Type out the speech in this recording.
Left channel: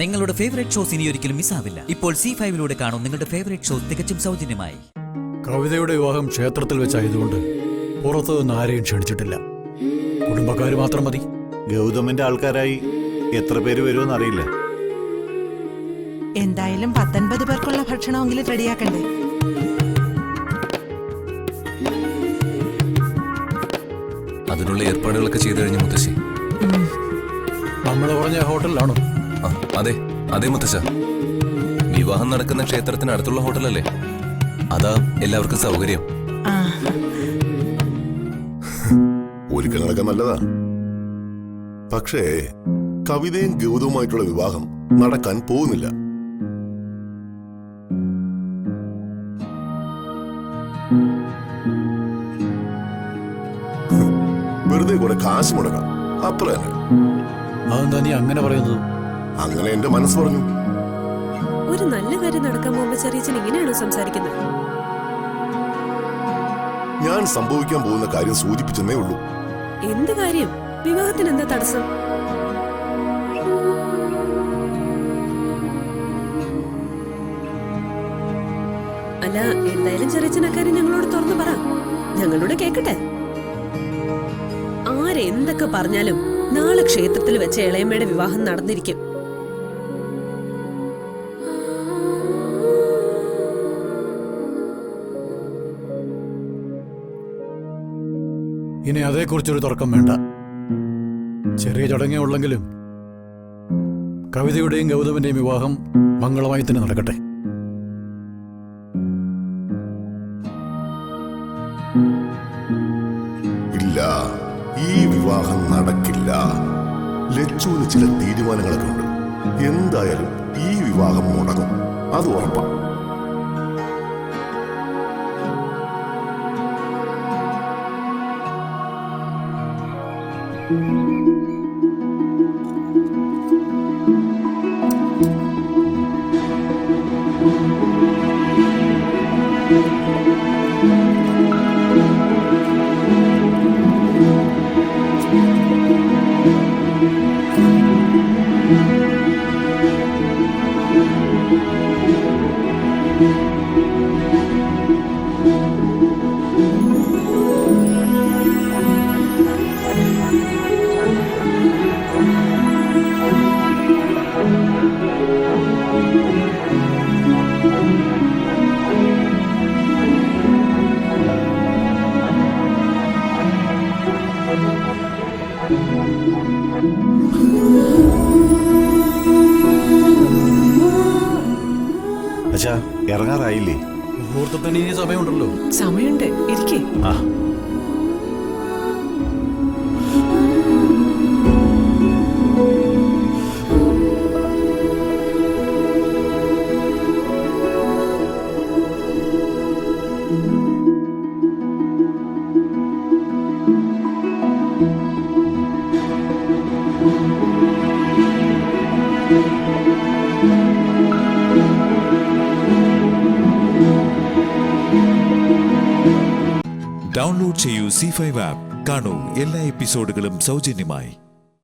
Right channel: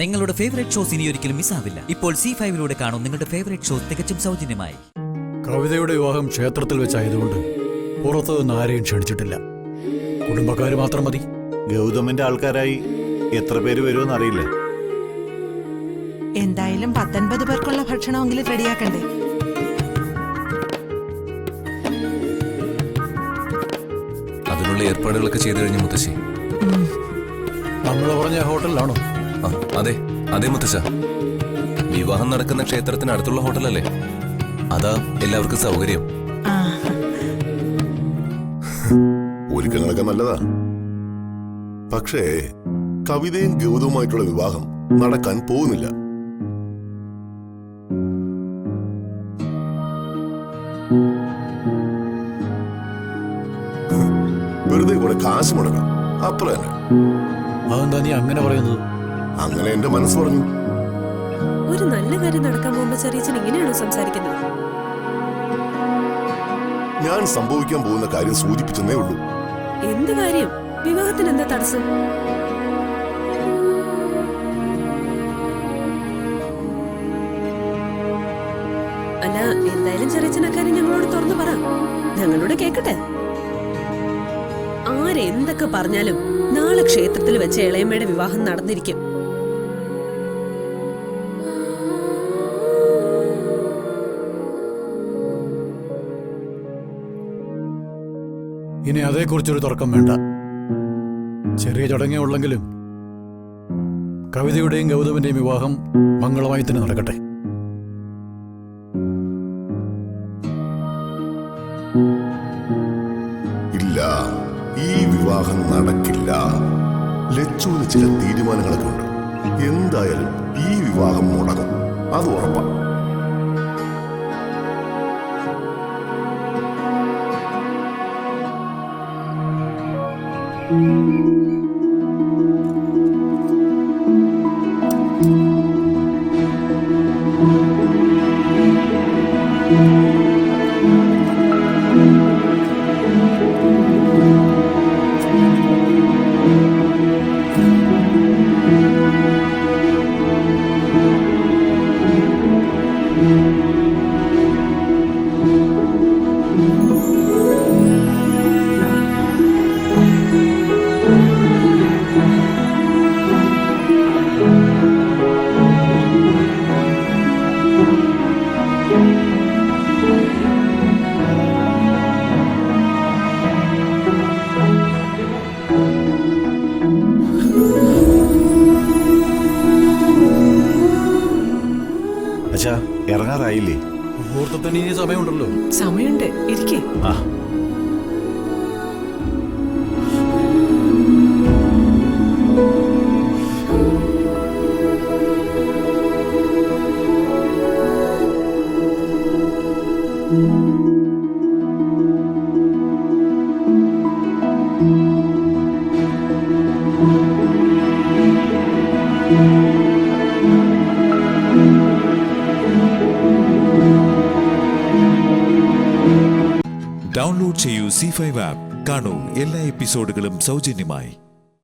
നിങ്ങളുടെ favourite shows ഇനി ഒരിക്കലും മിസ്സാവില്ല. ഇപ്പോൾ C5 കാണും നിങ്ങളുടെ ഫേവറേറ്റ് ഷോ തികച്ചും സൗജന്യമായി. കവിതയുടെ വിവാഹം ക്ഷേത്രത്തിൽ വെച്ചായതുകൊണ്ട് പുറത്തു നിന്ന് ആരെയും ക്ഷണിച്ചിട്ടില്ല. കുടുംബക്കാര് മാത്രം മതി. ഗൗതമിന്റെ ആൾക്കാരായി എത്ര പേര് വരുമെന്ന് അറിയില്ല. എന്തായാലും 19 പേർക്കുള്ള ഭക്ഷണമെങ്കിലും റെഡിയാക്കണ്ടേ? അതിനുള്ള ഏർപ്പാടുകളൊക്കെ ചെയ്തു കഴിഞ്ഞ മുത്തശ്ശി. നമ്മള് പറഞ്ഞ ഹോട്ടലിലാണോ? അതെ അതെ മുത്തശ്ശ, വിവാഹം നടക്കുന്ന ക്ഷേത്രത്തിന് അടുത്തുള്ള ഹോട്ടലല്ലേ, അതാ എല്ലാവർക്കും സൗകര്യം. ഒരുക്കങ്ങളൊക്കെ നല്ലതാ, പക്ഷേ കവിതയും ഗൗതവുമായിട്ടുള്ള വിവാഹം നടക്കാൻ പോകുന്നില്ല. വെറുതെ കൂടെ കാശ് മുടക്കാം, അത്ര തന്നെ. അതെന്താ നീ അങ്ങനെ പറയുന്നത്? അങ്ങനെ എന്റെ മനസ്സ് പറഞ്ഞു. ഒരു നല്ല കാര്യം നടക്കാൻ പോകുമ്പോ ചെറിയച്ഛൻ ഇങ്ങനെയാണോ സംസാരിക്കുന്നത്? ഞാൻ സംഭവിക്കാൻ പോകുന്ന കാര്യം സൂചിപ്പിച്ചെന്നേ ഉള്ളൂ. എന്ത് കാര്യം? വിവാഹത്തിന് എന്താ തടസ്സം? അല്ല, എന്തായാലും ചെറിയച്ഛൻ അക്കാര്യം ഞങ്ങളോട് തുറന്നു പറ, ഞങ്ങളോട് കേക്കട്ടെ. ആരെന്തൊക്കെ പറഞ്ഞാലും നാളെ ക്ഷേത്രത്തിൽ വെച്ച് ഇളയമ്മയുടെ വിവാഹം നടന്നിരിക്കും. ഇനി അതേക്കുറിച്ചൊരു തർക്കം വേണ്ട. ചെറിയ ചടങ്ങേ ഉള്ളെങ്കിലും കവിതയുടെയും ഗൗതമിന്റെയും വിവാഹം മംഗളമായി തന്നെ നടക്കട്ടെ. ഇല്ല, ഈ വിവാഹം നടക്കില്ല. ലച്ചുവിന് ചില തീരുമാനങ്ങളൊക്കെ ഉണ്ട്. എന്തായാലും ഈ വിവാഹം മുടങ്ങും, അത് ഉറപ്പാ. അച്ഛാ, ഇറങ്ങാറായില്ലേ? മുഹൂർത്തത്തിന് ഇനി സമയമുണ്ടല്ലോ. സമയമുണ്ട്, ഇരിക്കേ. ഡൗൺലോഡ് ചെയ്യൂ C5 ആപ്പ്. കാണൂ എല്ലാ എപ്പിസോഡുകളും സൗജന്യമായി.